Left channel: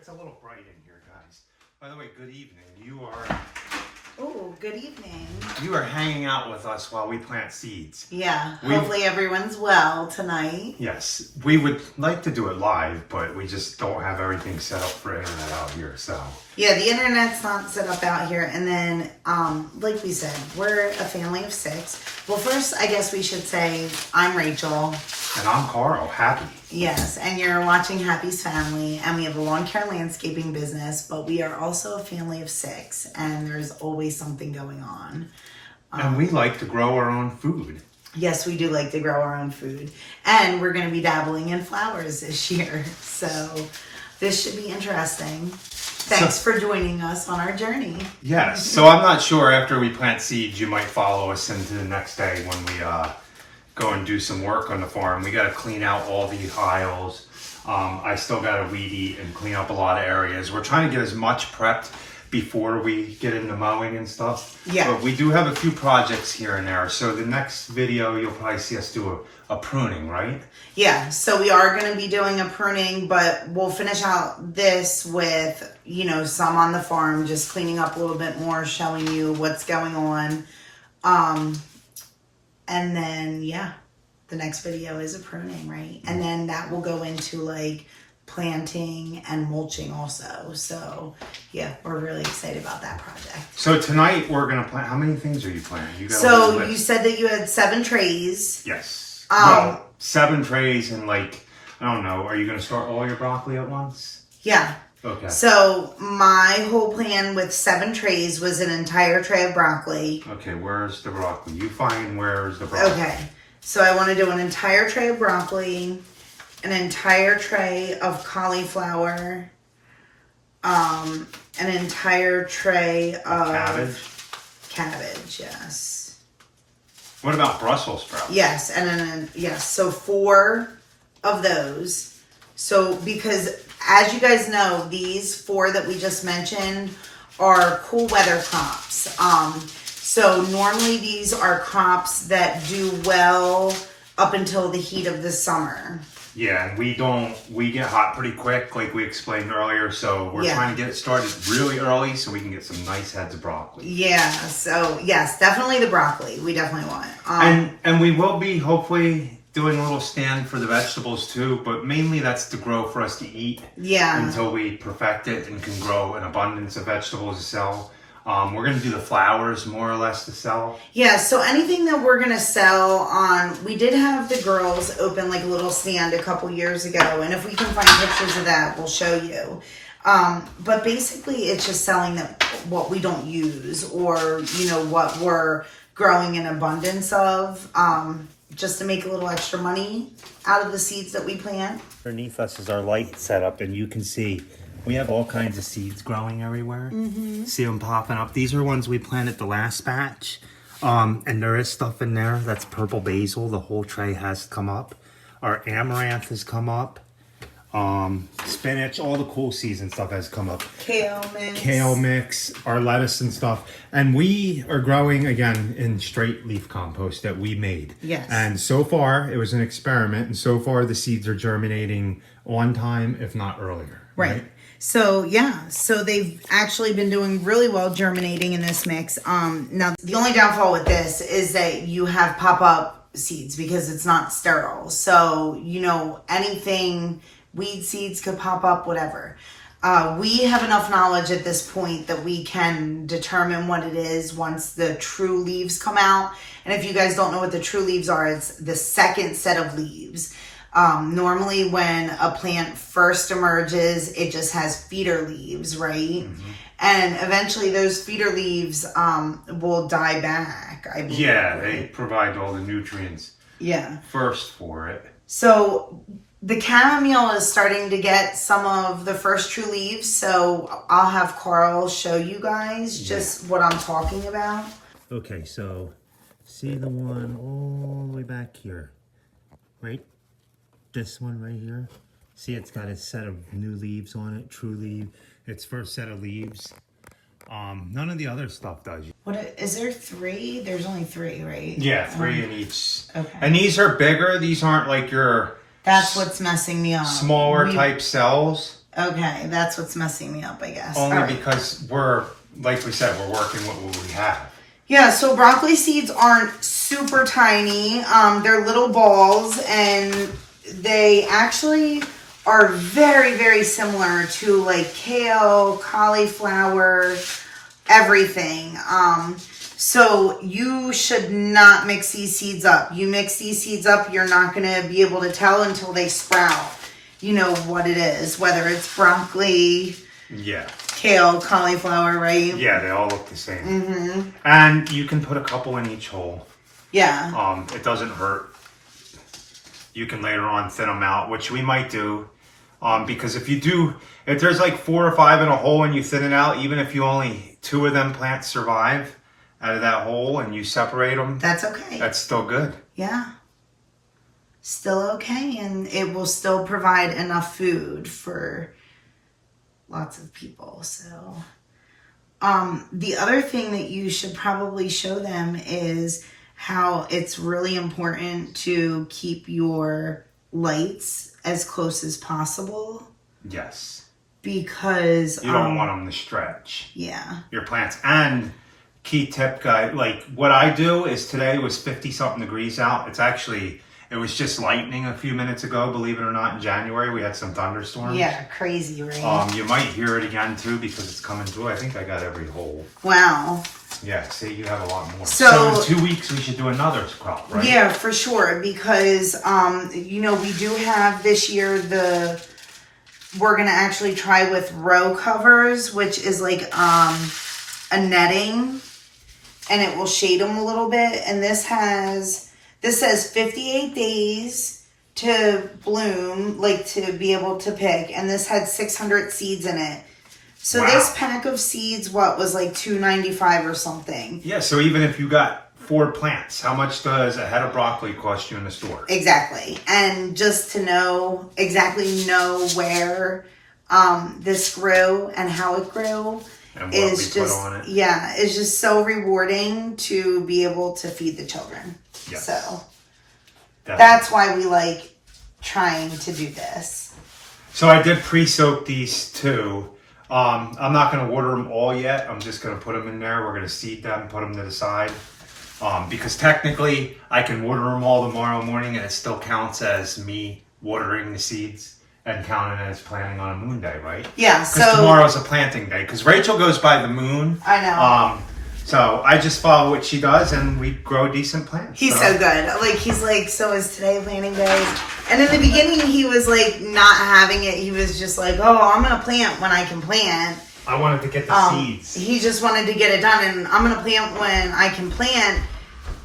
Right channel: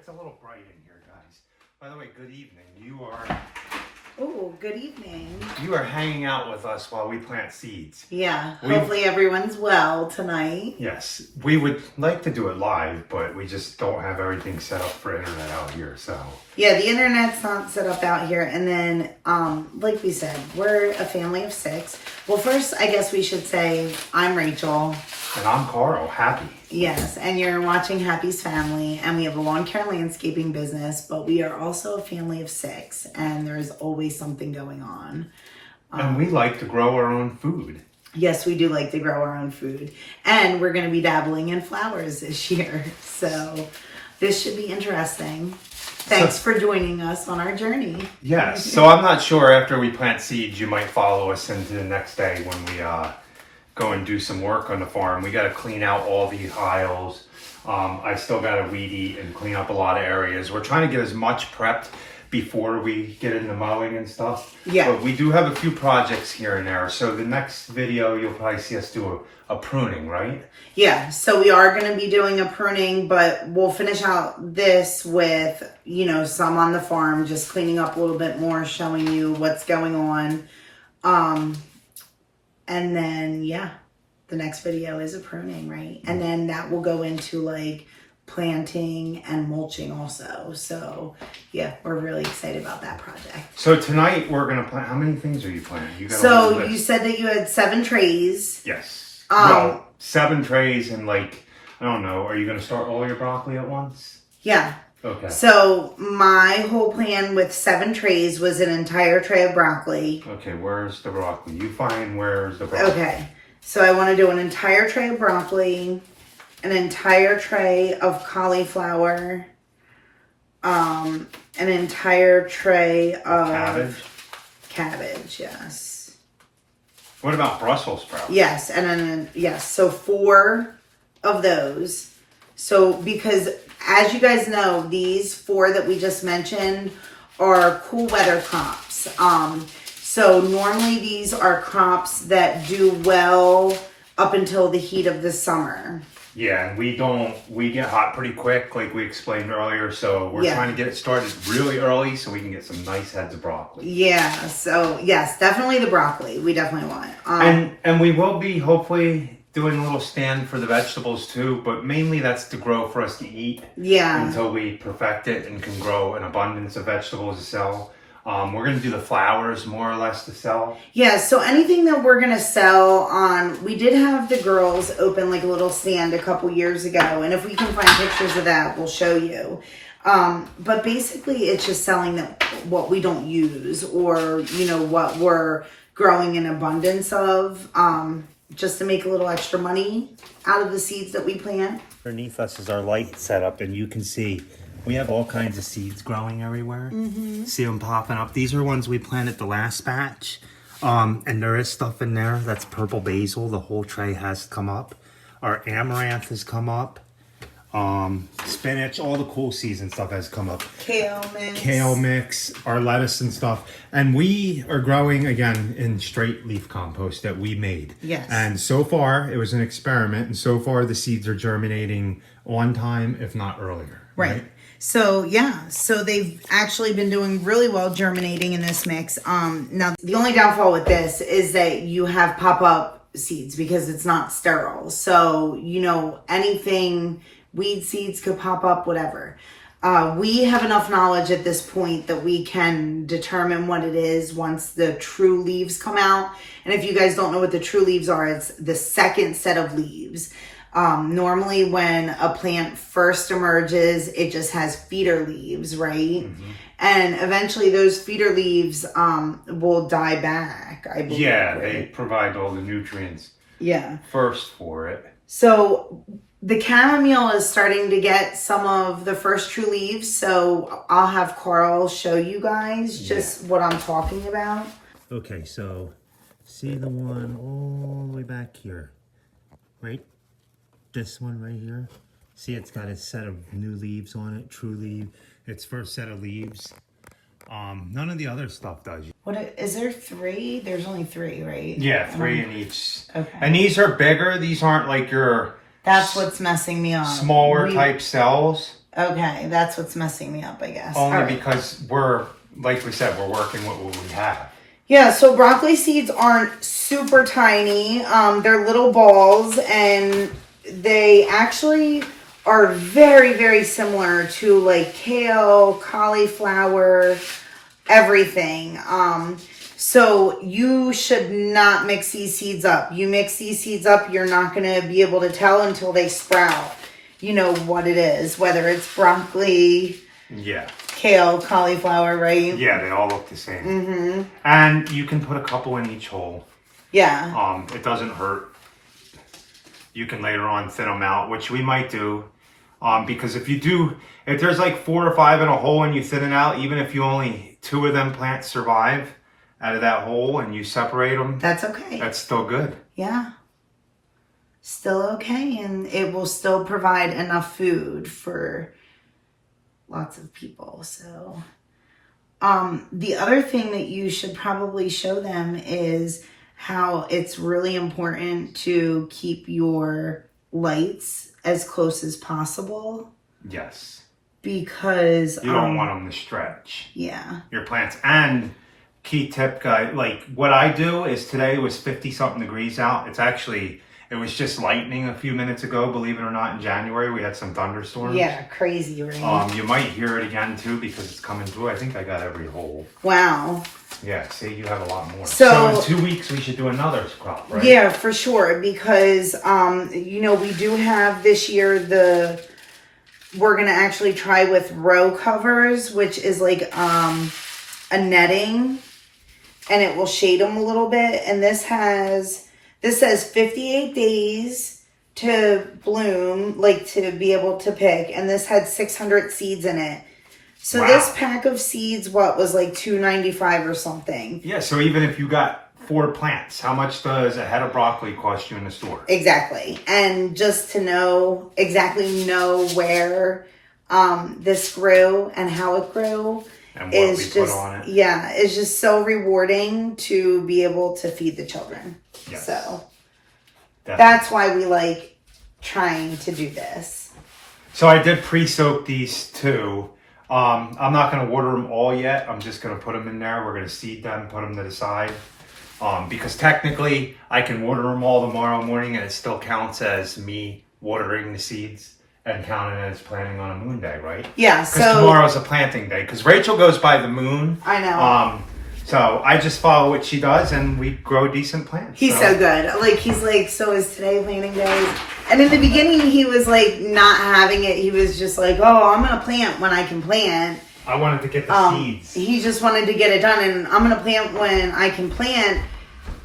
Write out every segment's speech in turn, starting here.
It's a little bright in here, guys. By the way, good evening. Oh, good evening. You are hanging out with us while we plant seeds. Yeah, hopefully everyone's well tonight. Yes, we would like to do it live, but we just don't have everything set up for internet out here, so. Yeah, the internet's not set up out here. And then, like we said, we're a family of 6. Well, first, I guess we should say I'm Rachel. And I'm Carl, Happy. Yes, and you're watching Happy's Family, and we have a lawn care landscaping business, but we are also a family of 6, and there's always something going on. And we like to grow our own food. Yes, we do like to grow our own food. And we're going to be dabbling in flowers this year. So this should be interesting. Thanks for joining us on our journey. Yes, so I'm not sure after we plant seeds, you might follow us into the next day when we go and do some work on the farm. We got to clean out all the aisles. I still got to weed eat and clean up a lot of areas. We're trying to get as much prepped before we get into mowing and stuff. Yeah. But we do have a few projects here and there. So the next video, you'll probably see us do a pruning, right? Yeah, so we are going to be doing a pruning, but we'll finish out this with, some on the farm, just cleaning up a little bit more, showing you what's going on. And then, the next video is a pruning, right? And then that will go into planting and mulching also. So we're really excited about that project. So tonight we're going to plant, how many things are you planting? You said that you had 7 trays. Yes. Well, 7 trays and I don't know, are you going to start all your broccoli at once? Yeah. Okay. So my whole plan with 7 trays was an entire tray of broccoli. Okay, where's the broccoli? You find where's the broccoli. Okay. So I want to do an entire tray of broccoli, an entire tray of cauliflower, an entire tray of cabbage, yes. What about Brussels sprouts? Yes, and then so 4 of those. So because as you guys know, these 4 that we just mentioned are cool weather crops. So normally these are crops that do well up until the heat of the summer. Yeah, and we get hot pretty quick, like we explained earlier. So we're trying to get it started really early so we can get some nice heads of broccoli. Yeah, so yes, definitely the broccoli. We definitely want it. And we will be hopefully doing a little stand for the vegetables too, but mainly that's to grow for us to eat. Yeah. Until we perfect it and can grow an abundance of vegetables to sell. We're going to do the flowers more or less to sell. Yeah, so anything that we're going to sell on, we did have the girls open a little stand a couple years ago, and if we can find pictures of that, we'll show you. But basically it's just selling what we don't use or, what we're growing in abundance of, just to make a little extra money out of the seeds that we plant. Underneath us is our light setup, and you can see we have all kinds of seeds growing everywhere. Mm-hmm. See them popping up. These are ones we planted the last batch. And there is stuff in there. That's purple basil. The whole tray has come up. Our amaranth has come up. Spinach, all the cool seeds and stuff has come up. Kale mix, our lettuce and stuff. And we are growing, again, in straight leaf compost that we made. Yes. And so far, it was an experiment. And so far, the seeds are germinating on time, if not earlier. Right? So, so they've actually been doing really well germinating in this mix. Now, the only downfall with this is that you have pop-up seeds because it's not sterile. So, anything, weed seeds could pop up, whatever. We have enough knowledge at this point that we can determine what it is once the true leaves come out. And if you guys don't know what the true leaves are, it's the second set of leaves. Normally when a plant first emerges, it just has feeder leaves, right? Mm-hmm. And eventually those feeder leaves will die back, I believe. Yeah, right? They provide all the nutrients first for it. So the chamomile is starting to get some of the first true leaves, so I'll have Carl show you guys just what I'm talking about. Okay, so see the one all the way back here, right? This one right here. See, it's got a set of new leaves on it, true leaf. Its first set of leaves. None of the other stuff does. What is there 3? There's only 3, right? Yeah, 3 in each. Okay. And these are bigger. These aren't like your... That's what's messing me up. Smaller type cells. Okay, that's what's messing me up, I guess. Only because like we said, we're working with what we have. Yeah, so broccoli seeds aren't super tiny. They're little balls, and they actually are very, very similar to like kale, cauliflower, everything. So you should not mix these seeds up. You mix these seeds up, you're not going to be able to tell until they sprout, you know, what it is, whether it's broccoli, kale, cauliflower, right? Yeah, they all look the same. Mm-hmm. And you can put a couple in each hole. Yeah. It doesn't hurt. You can later on thin them out, which we might do. Because if there's like 4 or 5 in a hole and you thin it out, even if you only 2 of them plants survive out of that hole and you separate them, that's okay. That's still good. Yeah. Still okay. And it will still provide enough food for lots of people. So, the other thing that you should probably show them is how it's really important to keep your lights as close as possible. Yes. Because you don't want them to stretch. Yeah. Your plants. And key tip, guy, like what I do is today was 50 something degrees out. It was just lightning a few minutes ago, believe it or not. In January, we had some thunderstorms. Yeah, crazy rain. You might hear it again too because it's coming through. I think I got every hole. Wow. Yeah, see, you have a lot more. So in 2 weeks, we should do another crop, right? Yeah, for sure. Because, you know, we do have this year we're going to actually try with row covers, which is like a netting, and it will shade them a little bit. And this says 58 days to bloom, like to be able to pick. And this had 600 seeds in it. So This pack of seeds, was like $2.95 or something. Yeah, so even if you got 4 plants, how much does a head of broccoli cost you in the store? Exactly. And just to know where this grew and how it grew. And what we put on it. Yeah, it's just so rewarding to be able to feed the children. Yes. So that's why we like trying to do this. So I did pre-soak these 2. I'm not going to water them all yet. I'm just going to put them in there. We're going to seed them, put them to the side. Because technically I can water them all tomorrow morning and it still counts as me watering the seeds. And counting as planting on a moon day, right? Yeah, because tomorrow's a planting day. Because Rachel goes by the moon. I know. So I just follow what she does, and we grow decent plants. He's so good. Like he's like, so is today planting day? And in the beginning, he was like not having it. He was just like, oh, I'm gonna plant when I can plant. I wanted to get the seeds. He just wanted to get it done, and I'm gonna plant when I can plant.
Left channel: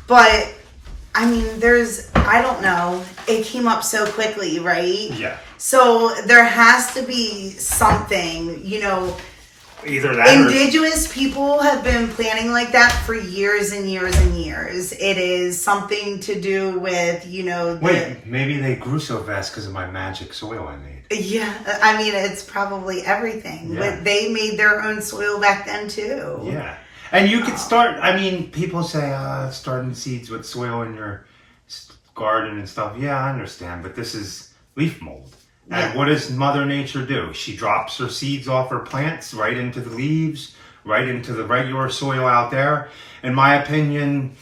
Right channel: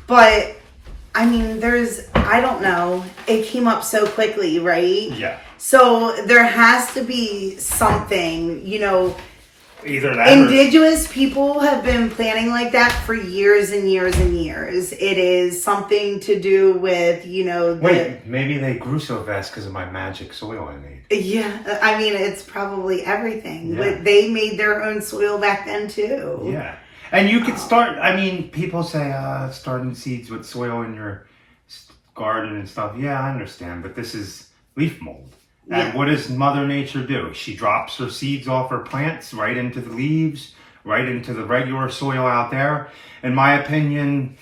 But I mean, I don't know. It came up so quickly, right? Yeah. So there has to be something, you know. Either that indigenous people have been planting like that for years and years and years. It is something to do with, you know. Wait, maybe they grew so fast because of my magic soil I made. Yeah, I mean, it's probably everything. Yeah. But they made their own soil back then too. Yeah. And you could start, I mean, people say, starting seeds with soil in your garden and stuff. Yeah, I understand. But this is leaf mold. And what does Mother Nature do? She drops her seeds off her plants right into the leaves, right into the regular soil out there. In my opinion,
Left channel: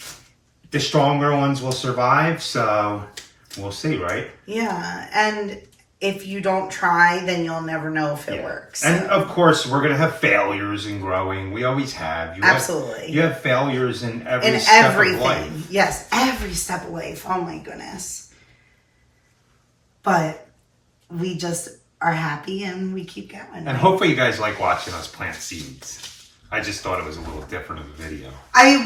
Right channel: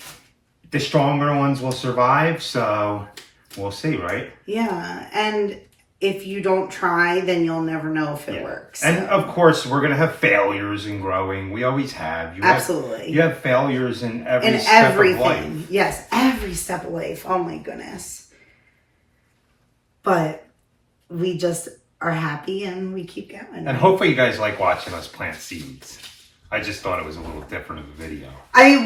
the stronger ones will survive. So we'll see, right? Yeah. And if you don't try, then you'll never know if it works. So. And of course, we're going to have failures in growing. We always have. Absolutely. You have failures in every step of life. Yes, every step of life. Oh my goodness. But we just are happy and we keep going. And hopefully you guys like watching us plant seeds. I just thought it was a little different of a video.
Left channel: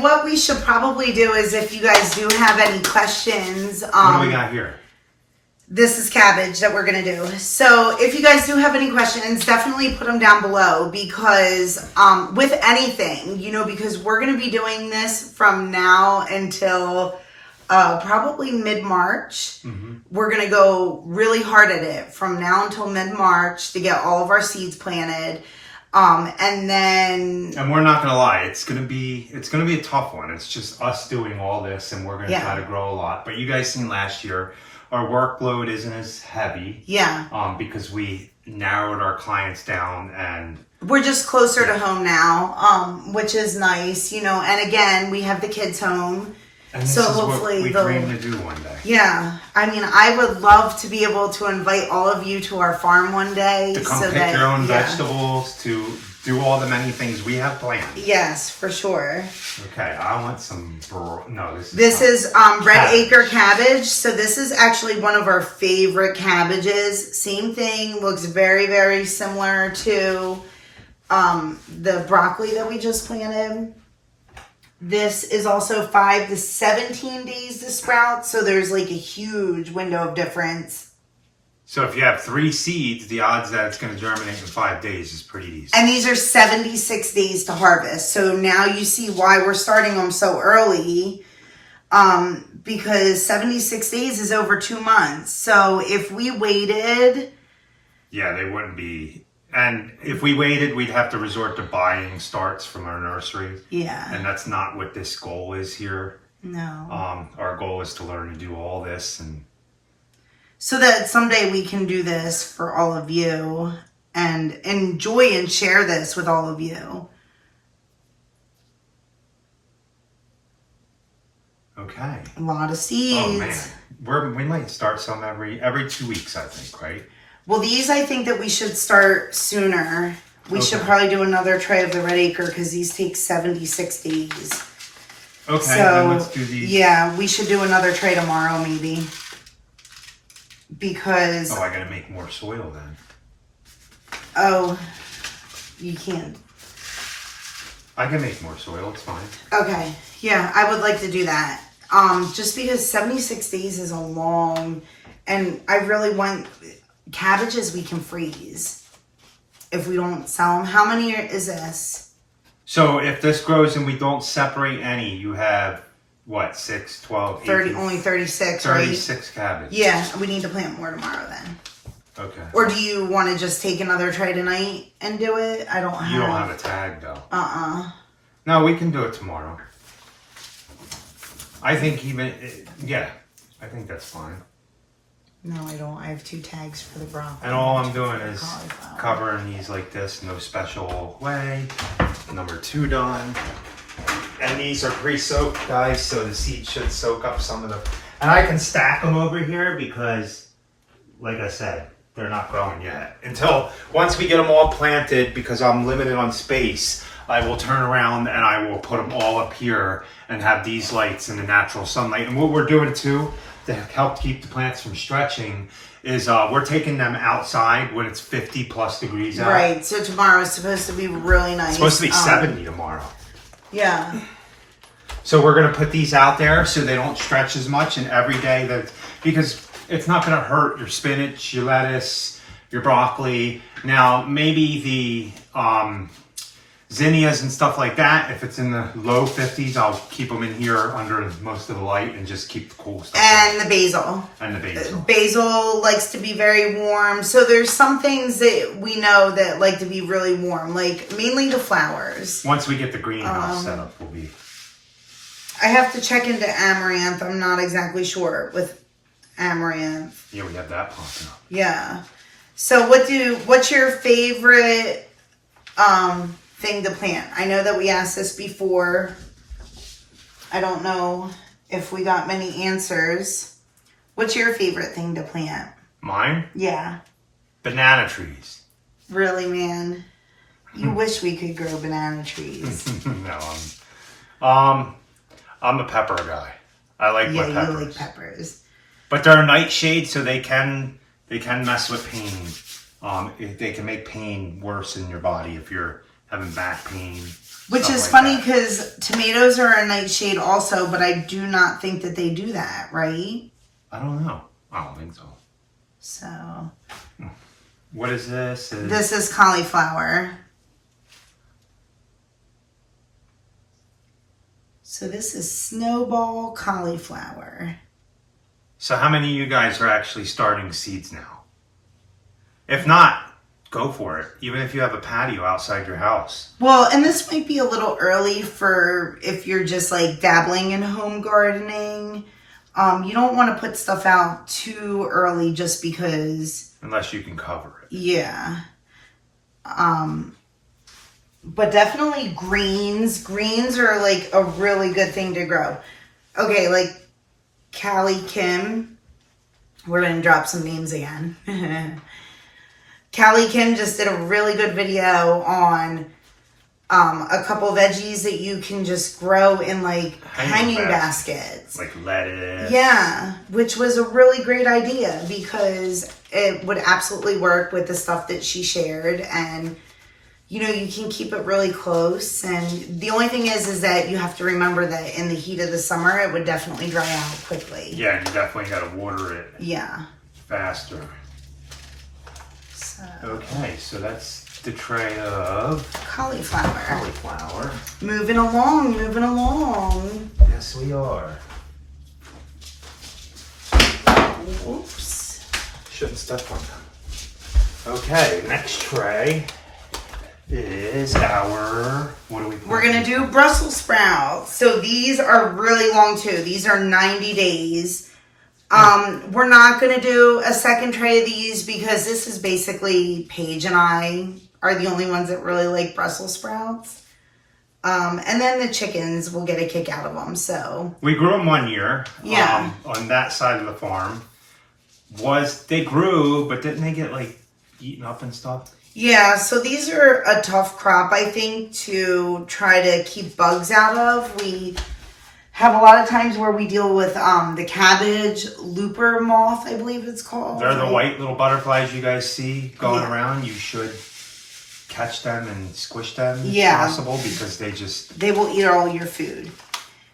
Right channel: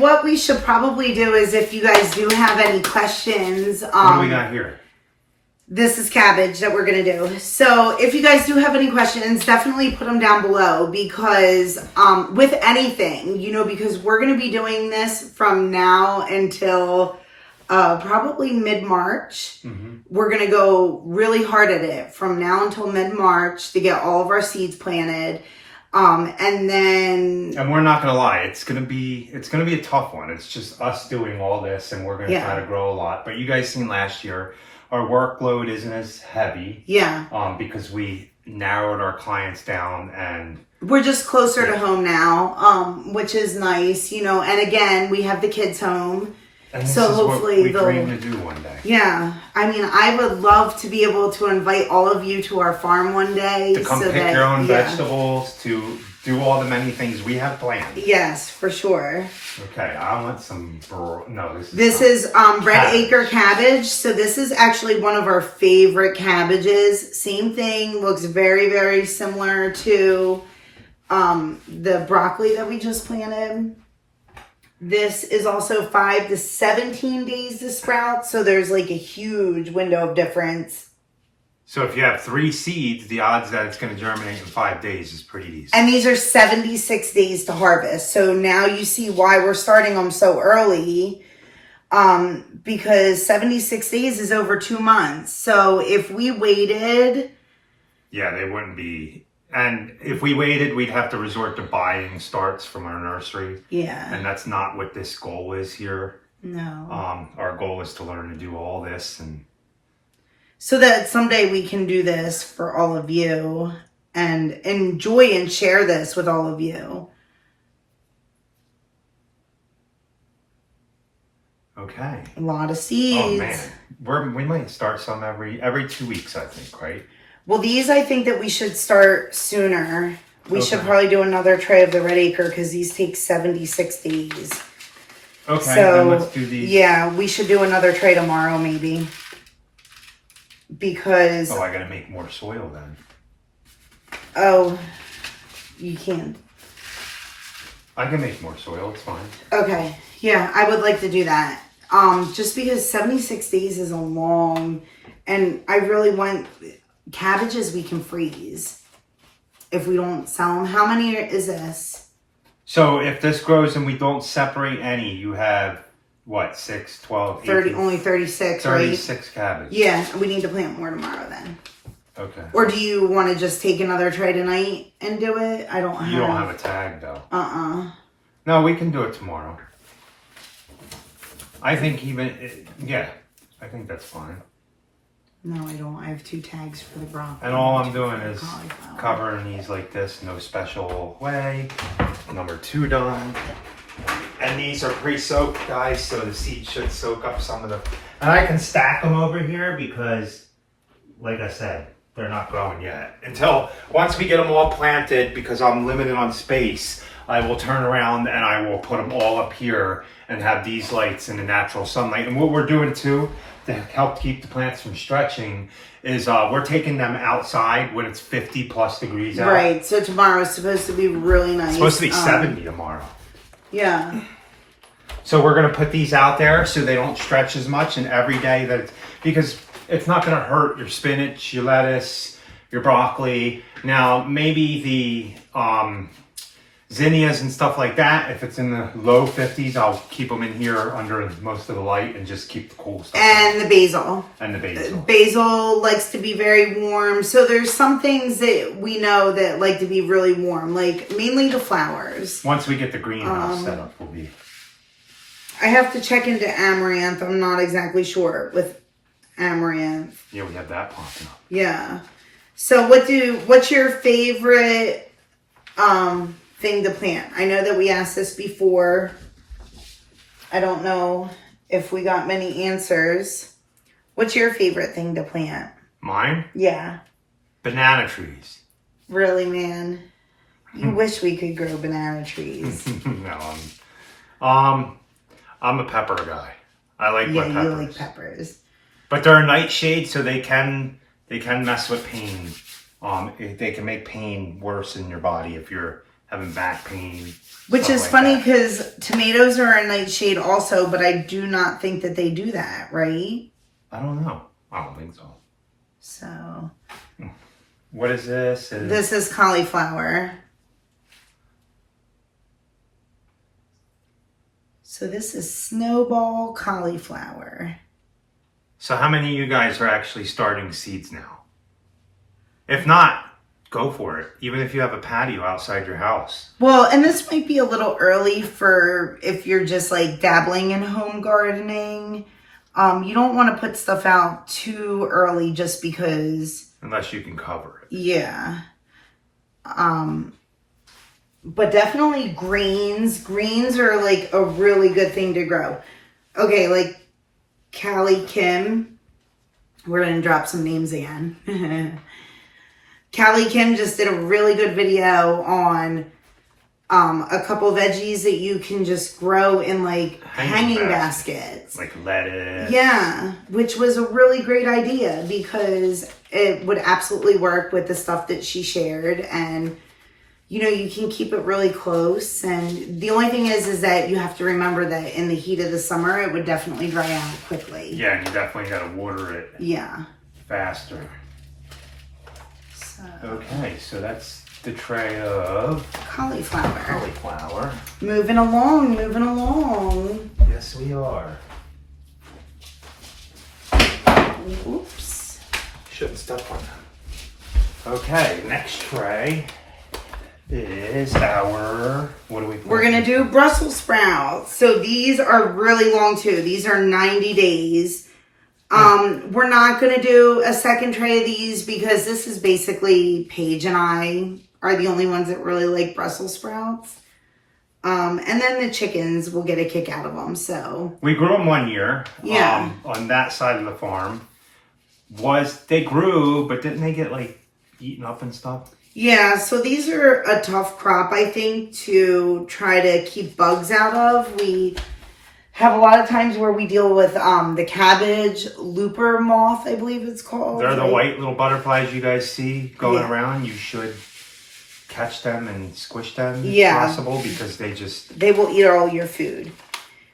What we should probably do is if you guys do have any questions. What do we got here? This is cabbage that we're going to do. So if you guys do have any questions, definitely put them down below because with anything, you know, because we're going to be doing this from now until probably mid-March. Mm-hmm. We're going to go really hard at it from now until mid-March to get all of our seeds planted. And we're not going to lie, it's going to be a tough one. It's just us doing all this and we're going to try to grow a lot. But you guys seen last year, our workload isn't as heavy. Yeah. Because we narrowed our clients down, and we're just closer to home now, which is nice, you know. And again, we have the kids home, and this so is hopefully what we dream to do one day. Yeah, I mean, I would love to be able to invite all of you to our farm one day To come pick your own vegetables, to do all the many things we have planned. Yes, for sure. Okay, I want some. This is red acre cabbage. So this is actually one of our favorite cabbages. Same thing, looks very, very similar to the broccoli that we just planted. This is also 5 to 17 days to sprout. So there's like a huge window of difference. So if you have 3 seeds, the odds that it's going to germinate in 5 days is pretty decent. And these are 76 days to harvest. So now you see why we're starting them so early. Because 76 days is over 2 months. So if we waited... Yeah, they wouldn't be... And if we waited, we'd have to resort to buying starts from our nursery. Yeah. And that's not what this goal is here. No. Our goal is to learn to do all this, and so that someday we can do this for all of you and enjoy and share this with all of you. Okay. A lot of seeds. Oh man, we might start some every 2 weeks, I think, right? Well, these I think that we should start sooner. We should probably do another tray of the red acre because these take 76 days. Okay, so, then let's do these. Yeah, we should do another tray tomorrow maybe. Because... Oh, I gotta make more soil then. Oh, you can. I can make more soil, it's fine. Okay, yeah, I would like to do that. Just because 76 days is a long... And I really want... Cabbages we can freeze if we don't sell them. How many is this? So if this grows and we don't separate any, you have what, 6, 12, 30, only 36, 36 right? cabbage. Yeah, we need to plant more tomorrow then. Okay. Or do you want to just take another tray tonight and do it? I don't have... You don't have a tag though. No, we can do it tomorrow. I think I think that's fine. No, I don't. I have 2 tags for the broccoli. And all I'm doing is covering these like this, no special way. Number 2 done. And these are pre-soaked, guys, so the seeds should soak up some of the... And I can stack them over here because, like I said, they're not growing yet. Until, once we get them all planted, because I'm limited on space, I will turn around and I will put them all up here and have these lights in the natural sunlight. And what we're doing too, to help keep the plants from stretching, is we're taking them outside when it's 50 plus degrees out. Right, so tomorrow is supposed to be really nice. It's supposed to be 70 tomorrow. Yeah. So we're going to put these out there so they don't stretch as much, and every day because it's not going to hurt your spinach, your lettuce, your broccoli. Now, maybe the zinnias and stuff like that, if it's in the low 50s, I'll keep them in here under most of the light and just keep the cool stuff. And the basil. And the basil. Basil likes to be very warm. So there's some things that we know that like to be really warm, like mainly the flowers. Once we get the greenhouse set up, we'll be... I have to check into amaranth. I'm not exactly sure with amaranth. Yeah, we have that popping up. Yeah. So what's your favorite thing to plant? I know that we asked this before. I don't know if we got many answers. What's your favorite thing to plant? Mine? Yeah. Banana trees. Really, man? You wish we could grow banana trees. No, I'm a pepper guy. I like my peppers. Yeah, you like peppers. But they're a nightshade, so they can mess with pain. They can make pain worse in your body if you're having back pain. Which is funny because tomatoes are a nightshade also, but I do not think that they do that, right? I don't know. I don't think so. So. What is this? This is cauliflower. So this is snowball cauliflower. So how many of you guys are actually starting seeds now? If not, go for it. Even if you have a patio outside your house. Well, and this might be a little early for if you're just like dabbling in home gardening. You don't want to put stuff out too early just because Unless you can cover it. Yeah. But definitely greens. Greens are like a really good thing to grow. Okay, like Callie Kim. We're going to drop some names again. Callie Kim just did a really good video on a couple veggies that you can just grow in like hanging baskets. Like lettuce. Yeah, which was a really great idea because it would absolutely work with the stuff that she shared. And, you know, you can keep it really close. And the only thing is that you have to remember that in the heat of the summer, it would definitely dry out quickly. Yeah, and you definitely got to water it. Yeah. Faster. So. Okay, so that's the tray of cauliflower. Moving along. Yes, we are. Oops. Shouldn't step on them. Okay, next tray is our, what do we put? We're going to do Brussels sprouts. So these are really long too. These are 90 days. We're not going to do a second tray of these because this is basically Paige and I are the only ones that really like Brussels sprouts. And then the chickens will get a kick out of them. So we grew them 1 year. Yeah. On that side of the farm. They grew, but didn't they get like eaten up and stuff? Yeah, so these are a tough crop, I think, to try to keep bugs out of. We have a lot of times where we deal with the cabbage looper moth, I believe it's called. They're the white little butterflies you guys see going around. You should catch them and squish them if possible because they will eat all your food.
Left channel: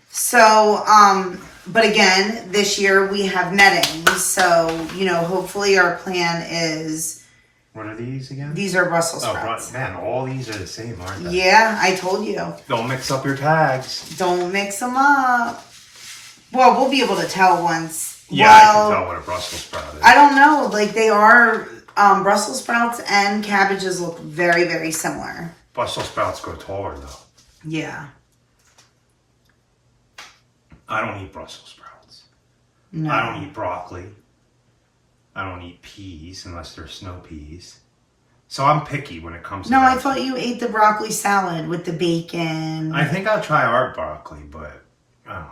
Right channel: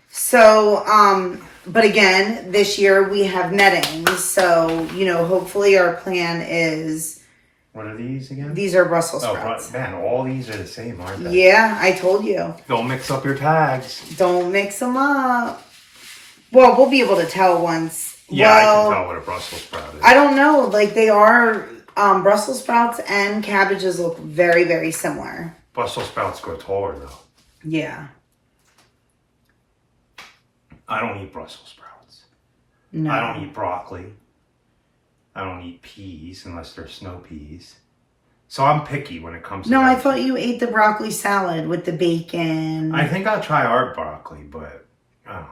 So, but again, this year we have netting. So, you know, hopefully our plan is... What are these again? These are Brussels sprouts. Oh, man, all these are the same, aren't they? Yeah, I told you. Don't mix up your tags. Don't mix them up. Well, we'll be able to tell once. Yeah, I can tell what a Brussels sprout is. I don't know. Like, they are... Brussels sprouts and cabbages look very, very similar. Brussels sprouts grow taller, though. Yeah. I don't eat Brussels sprouts. No. I don't eat broccoli. I don't eat peas unless they're snow peas. So I'm picky when it comes to No, I thought you ate the broccoli salad with the bacon. I think I'll try our broccoli, but I don't know.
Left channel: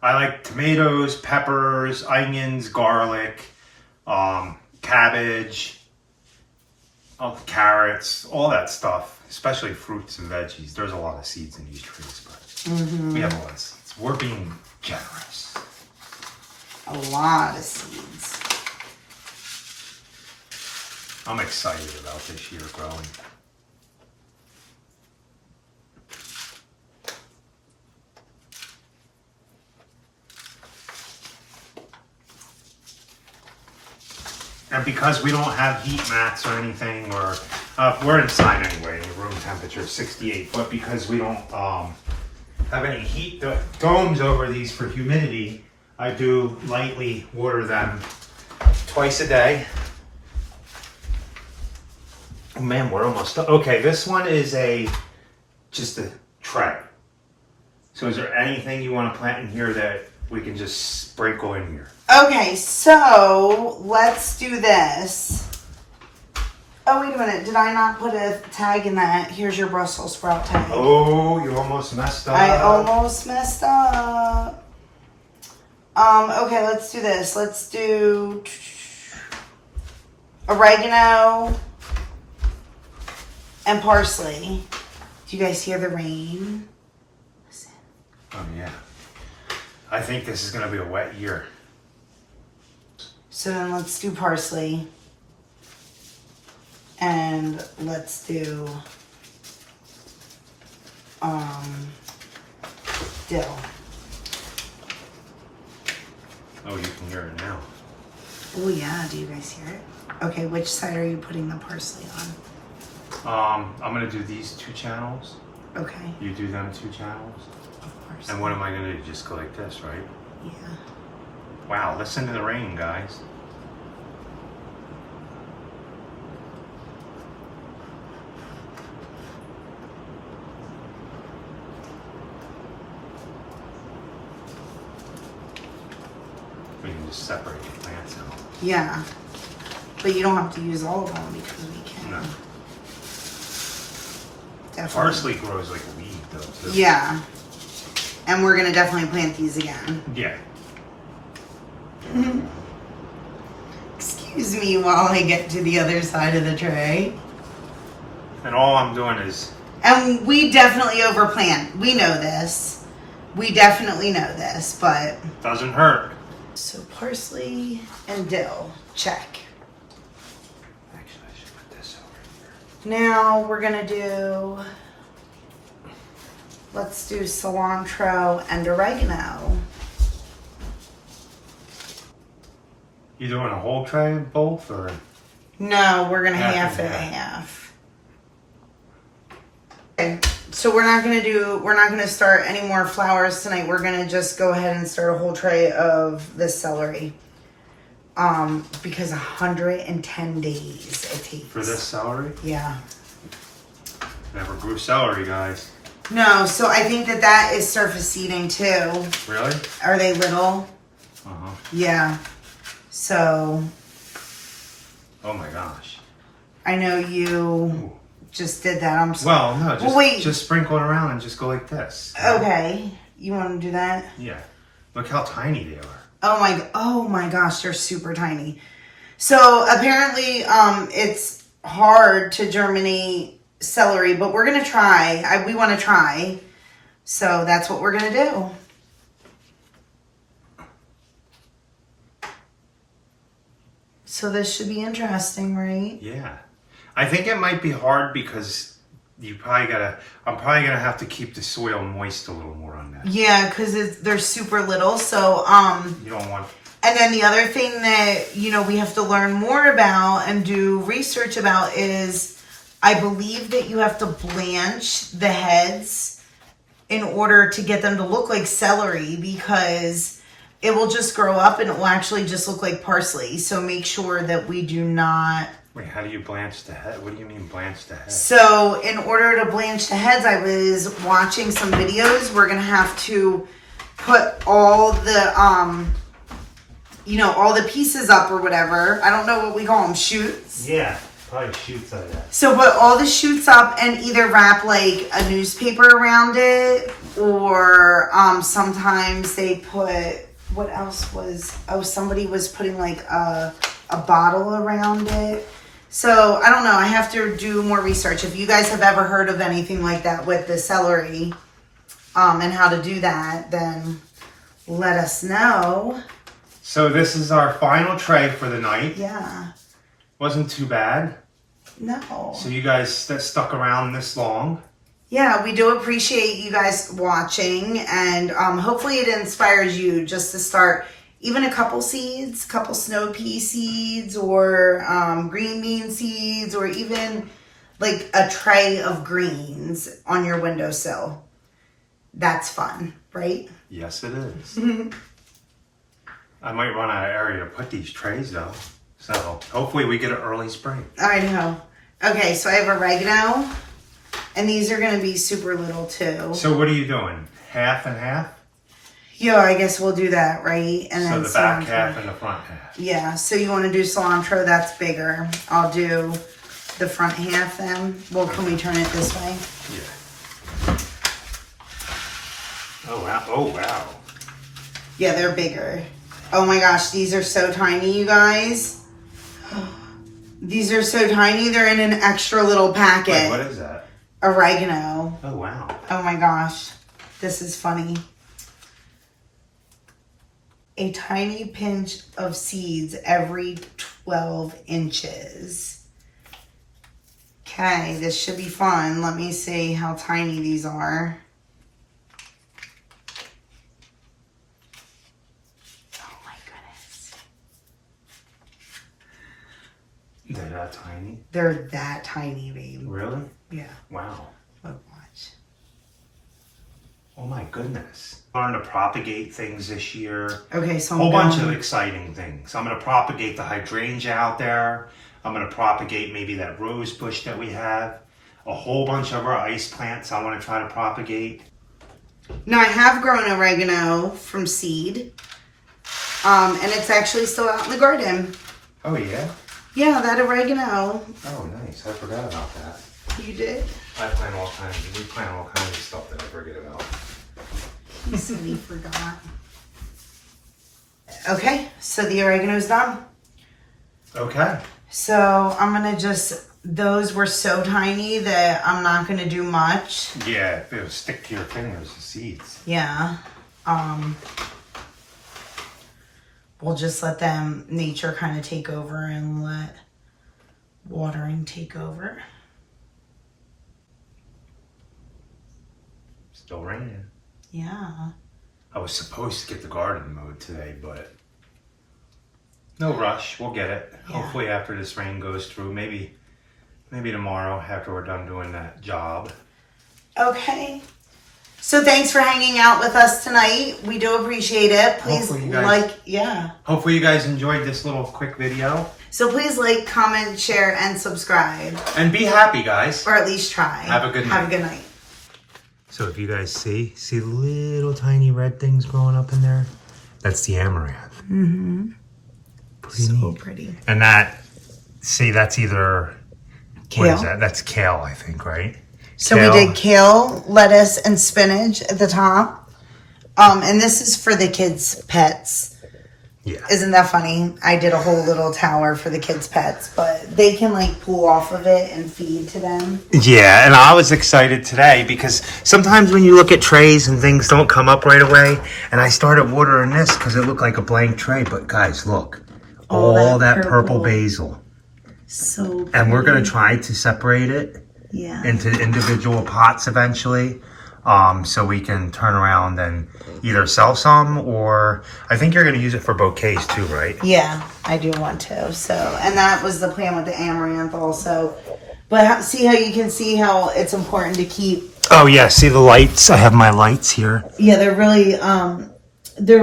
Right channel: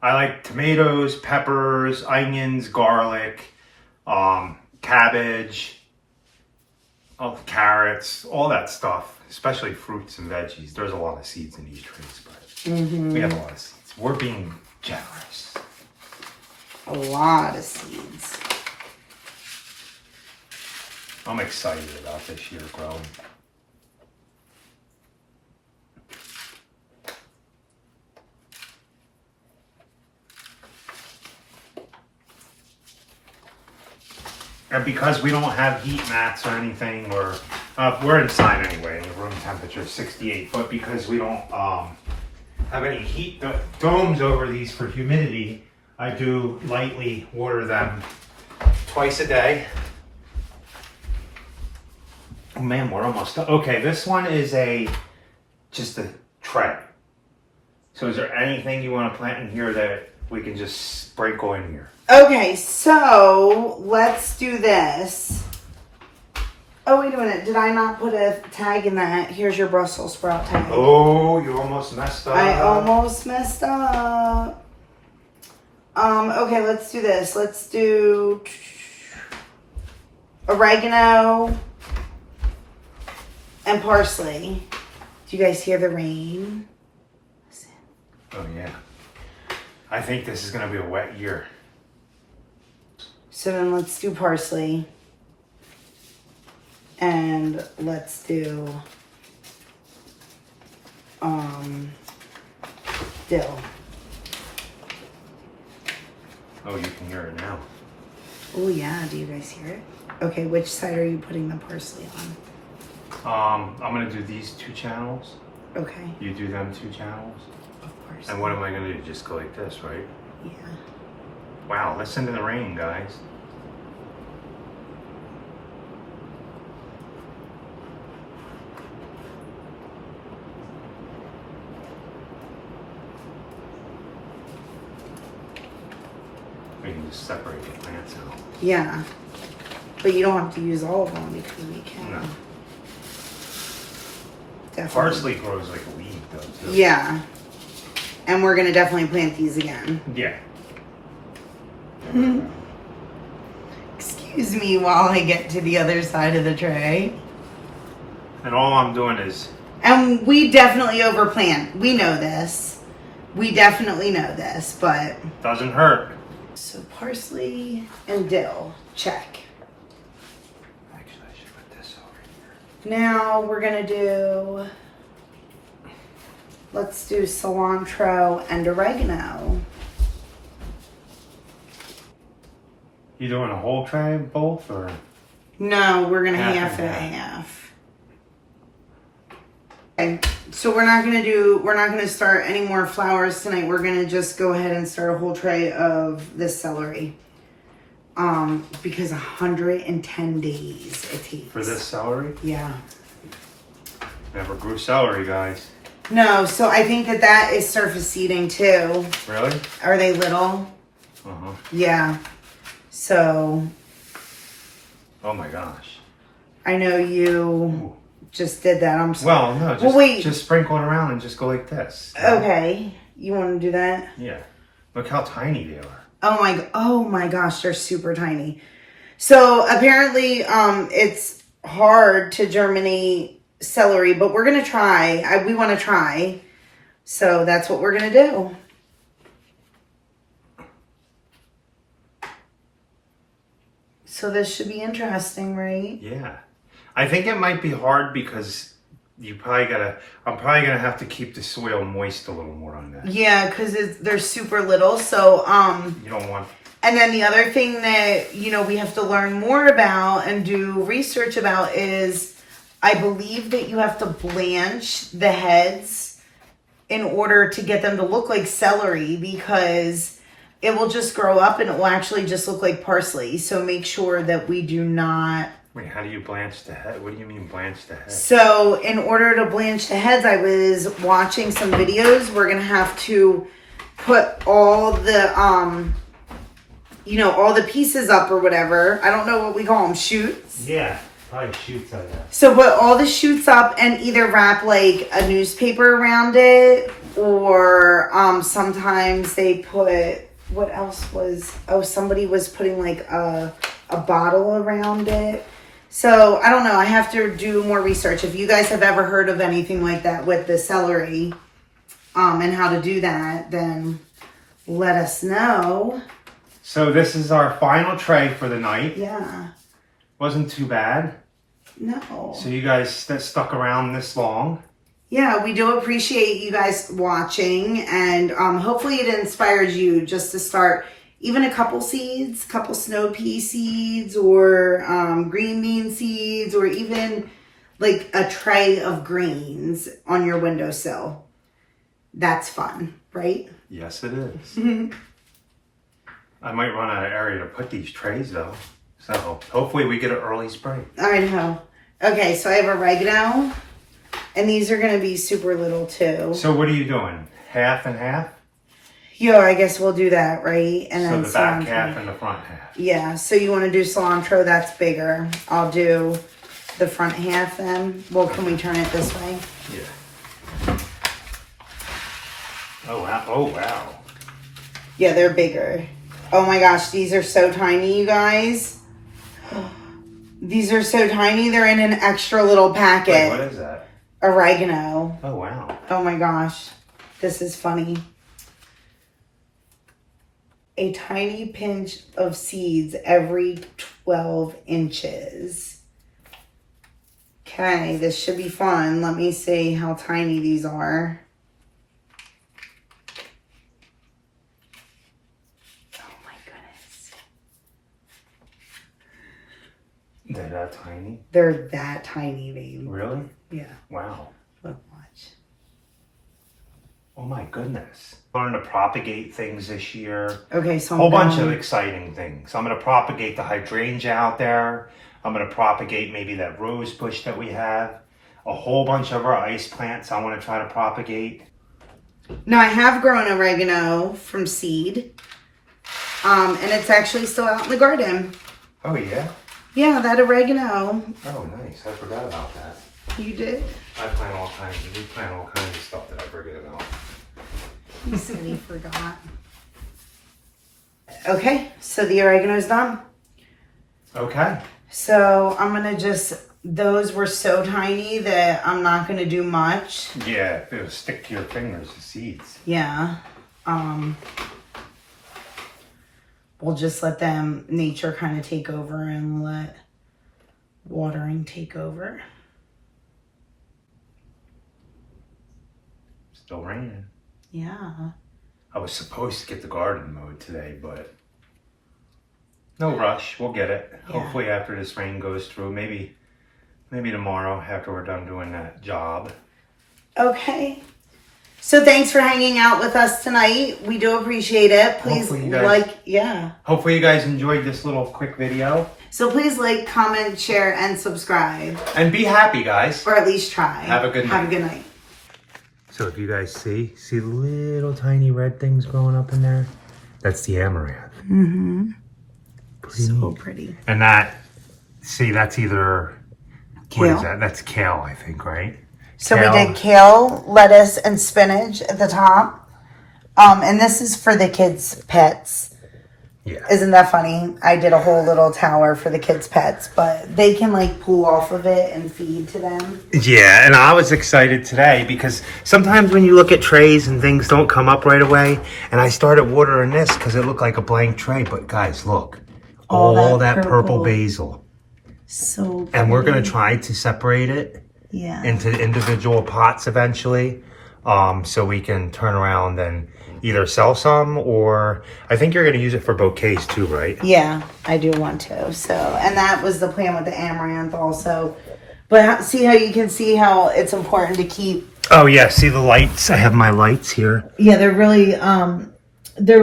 I like tomatoes, peppers, onions, garlic, cabbage, carrots, all that stuff, especially fruits and veggies. There's a lot of seeds in these trees, but we have a lot of seeds. We're being generous. A lot of seeds. I'm excited about this year growing. And because we don't have heat mats or anything, we're inside anyway, the room temperature is 68, but because we don't have any heat domes over these for humidity, I do lightly water them twice a day. Oh man, we're almost done. Okay, this one is just a tray. So is there anything you want to plant in here that we can just sprinkle in here? Okay, so let's do this. Oh, wait a minute. Did I not put a tag in that? Here's your Brussels sprout tag. Oh, you almost messed up. I almost messed up. Okay, let's do this. Let's do oregano and parsley. Do you guys hear the rain? Listen. Oh, yeah. I think this is going to be a wet year. So then let's do parsley. And let's do dill. Oh, you can hear it now. Oh yeah, do you guys hear it? Okay, which side are you putting the parsley on? I'm going to do these 2 channels. Okay. You do them 2 channels. Of course. And what am I going to do? Just go like this, right? Yeah. Wow, listen to the rain, guys. We can just separate the plants out. Yeah. But you don't have to use all of them because we can. No. Definitely. Parsley grows like a weed though, too. Yeah. And we're going to definitely plant these again. Yeah. Excuse me while I get to the other side of the tray. And all I'm doing is... And we definitely overplant. We know this. We definitely know this, but... Doesn't hurt. So parsley and dill. Check. Actually, I should put this over here. Now we're going to do... Let's do cilantro and oregano. You doing a whole tray of both, or? No, we're gonna half and half. Okay, so we're not gonna start any more flowers tonight. We're gonna just go ahead and start a whole tray of this celery. Because 110 days it takes. For this celery? Yeah. Never grew celery, guys. No, so I think that is surface seeding too. Really? Are they little? Uh-huh. Yeah. So. Oh my gosh. I know you just did that. I'm sorry. Well, no, just sprinkle it around and just go like this. Okay. You want to do that? Yeah. Look how tiny they are. Oh my gosh, they're super tiny. So apparently it's hard to germinate celery, but we're going to try. We want to try. So that's what we're going to do. So this should be interesting, right? Yeah. I think it might be hard because I'm probably gonna have to keep the soil moist a little more on that. Yeah, because they're super little. So you don't want. And then the other thing that we have to learn more about and do research about is, I believe that you have to blanch the heads in order to get them to look like celery, because it will just grow up and it will actually just look like parsley. So make sure that we do not... Wait, how do you blanch the head? What do you mean blanch the head? So in order to blanch the heads, I was watching some videos. We're going to have to put all the, all the pieces up or whatever. I don't know what we call them, shoots. Yeah, probably shoots like that. So put all the shoots up and either wrap like a newspaper around it, or sometimes they put... What else was... Oh, somebody was putting like a bottle around it. So, I don't know. I have to do more research. If you guys have ever heard of anything like that with the celery and how to do that, then let us know. So this is our final tray for the night. Yeah. Wasn't too bad. No. So you guys stuck around this long. Yeah, we do appreciate you guys watching, and hopefully it inspires you just to start even a couple seeds, couple snow pea seeds, or green bean seeds, or even like a tray of greens on your windowsill. That's fun, right? Yes, it is. I might run out of area to put these trays though. So hopefully we get an early spring. I know. Okay, so I have oregano. And these are going to be super little too. So what are you doing? Half and half? Yeah, I guess we'll do that, right? And so then the back cilantro. half and the front half. Yeah, so you want to do cilantro, that's bigger. I'll do the front half then. Well, can we turn it this way? Yeah. Oh, wow. Oh, wow. Yeah, they're bigger. Oh my gosh, these are so tiny, you guys. These are so tiny, they're in an extra little packet. Wait, what is that? Oregano. Oh, wow. Oh my gosh, this is funny. A tiny pinch of seeds every 12 inches. Okay, this should be fun. Let me see how tiny these are. Oh my goodness. They're that tiny? They're that tiny, babe. Really? Yeah. Wow. Look, watch. Oh my goodness. I'm going to propagate things this year. Okay, so a whole bunch of exciting things. I'm going to propagate the hydrangea out there. I'm going to propagate maybe that rose bush that we have. A whole bunch of our ice plants I want to try to propagate. Now, I have grown oregano from seed. And it's actually still out in the garden. Oh, yeah? Yeah, that oregano. Oh, nice. I forgot about that. You did? We plant all kinds of stuff that I forget about. He said he forgot. Okay, so the oregano's done. Okay. So I'm gonna those were so tiny that I'm not gonna do much. Yeah, it'll stick to your fingers, the seeds. Yeah. We'll just let nature kind of take over and let watering take over. Still raining. Yeah. I was supposed to get the garden mowed today, but no rush. We'll get it. Yeah. Hopefully after this rain goes through. Maybe tomorrow after we're done doing that job. Okay. So thanks for hanging out with us tonight. We do appreciate it. Please Hopefully you guys enjoyed this little quick video. So please like, comment, share, and subscribe. And be happy, guys. Or at least try. Have a good night. Have a good night. So if you guys see the little tiny red things growing up in there? That's the amaranth. Mm-hmm. Pretty so neat. Pretty. And that's either, kale. What is that? That's kale, I think, right? So we did kale, lettuce, and spinach at the top. And this is for the kids' pets. Yeah. Isn't that funny? I did a whole little tower for the kids' pets, but they can like pull off of it and feed to them. Yeah, and I was excited today because sometimes when you look at trays and things don't come up right away, and I started watering this because it looked like a blank tray, but guys, look. All that purple basil. So pretty. And we're going to try to separate it into individual pots eventually, so we can turn around and either sell some, or I think you're going to use it for bouquets too, right? Yeah, I do want to. So, and that was the plan with the amaranth also. But see how you can see how it's important to keep. Oh yeah, see the lights? I have my lights here. Yeah, they're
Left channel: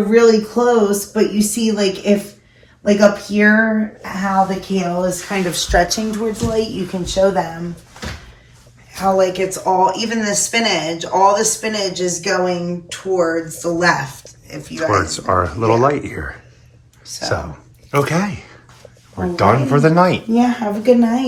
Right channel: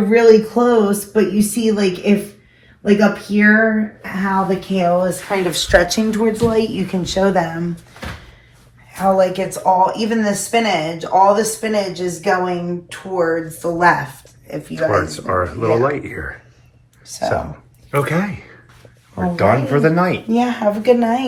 really close, but you see like if like up here how the kale is kind of stretching towards light, you can show them how like it's all, even the spinach, all the spinach is going towards the left. If you towards our little light here. So okay, we're done for the night. Yeah, have a good night.